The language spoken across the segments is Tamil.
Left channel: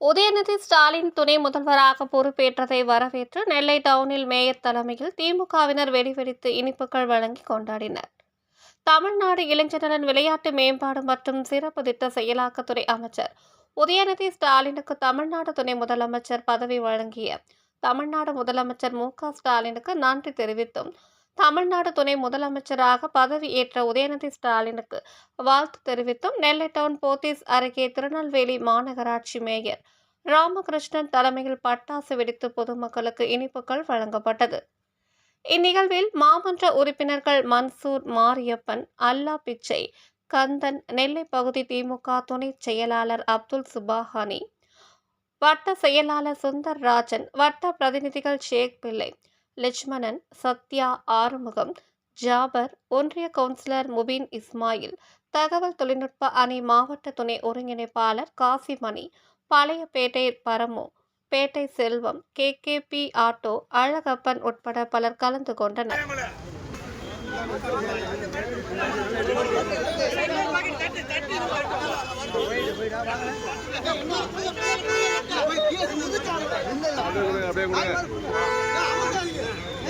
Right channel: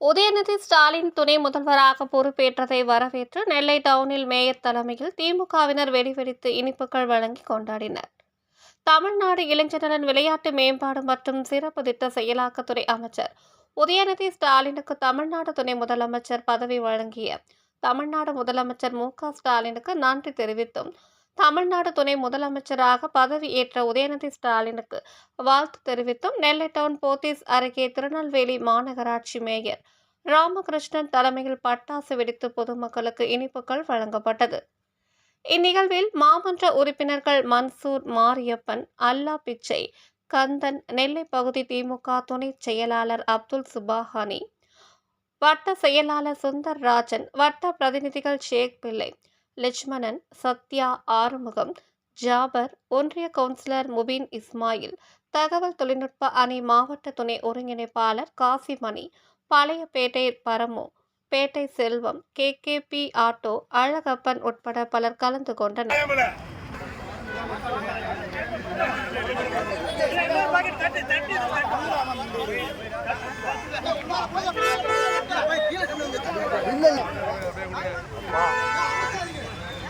உதயநிதி ஸ்டாலின் துணை முதல்வராக பொறுப்பேற்றதை வரவேற்று நெல்லை டவுனில் மேயர் தலைமையில் திமுகவினர் வெடிவெடித்து இனிப்புகள் வழங்கி கொண்டாடினர். தமிழ்நாடு இளைஞர்நலன் விளையாட்டு மேம்பாடு மற்றும் சிறப்பு திட்ட செயலாக்கத்துறை அமைச்சர் உதயநிதி ஸ்டாலினுக்கு தமிழ்நாடு துணை முதலமைச்சர் பதவி வழங்கிய தமிழ்நாடு முதலமைச்சர் மு க ஸ்டாலினுக்கு நன்றி தெரிவித்தும் தமிழ்நாடு துணை முதலமைச்சராக பதவி ஏற்ற உதயநிதி ஸ்டாலினுக்கு வாழ்த்து தெரிவித்தும் நெல்லை டவுன் போத்தீஸ் அருகே திருநெல்வேலி மாநகராட்சி மேயர் ராமகிருஷ்ணன் தலைமையில் பட்டாசு வெடித்து பொதுமக்களுக்கு இனிப்புகள் வழங்கப்பட்டது. இந்நிகழ்வில் மாமன்ற உறுப்பினர்கள் மன்சூர் மாரியப்பன் அல்லா பிச்சை கந்தன் நெல்லை பகுதி திமுக துணை செயலாளர் அப்துல் சுபாஹானி வட்ட செயலாளர் சுந்தர் ராஜன் வட்ட பிரதிநிதிகள் ஷேக் பிள்ளை லட்சுமணன் சத்யா ஆறுமுகம் ஜாபர் ஒன்றிய கவுன்சிலர் முபீன் இஸ்மாயில் தகவல் தொழில்நுட்ப அணி மாவட்ட துணை ஒருங்கிணைப்பாளர் Kasimani Pazhayapettai Paramu Pettai Selvam K. K. P. Auto Alagappan உட்பட பலர் கலந்து கொண்டனர்.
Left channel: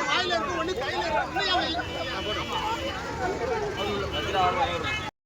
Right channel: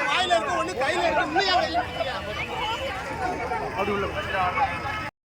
வாயில இருக்கு ஒண்ணு கையில இருக்கு இன்னும்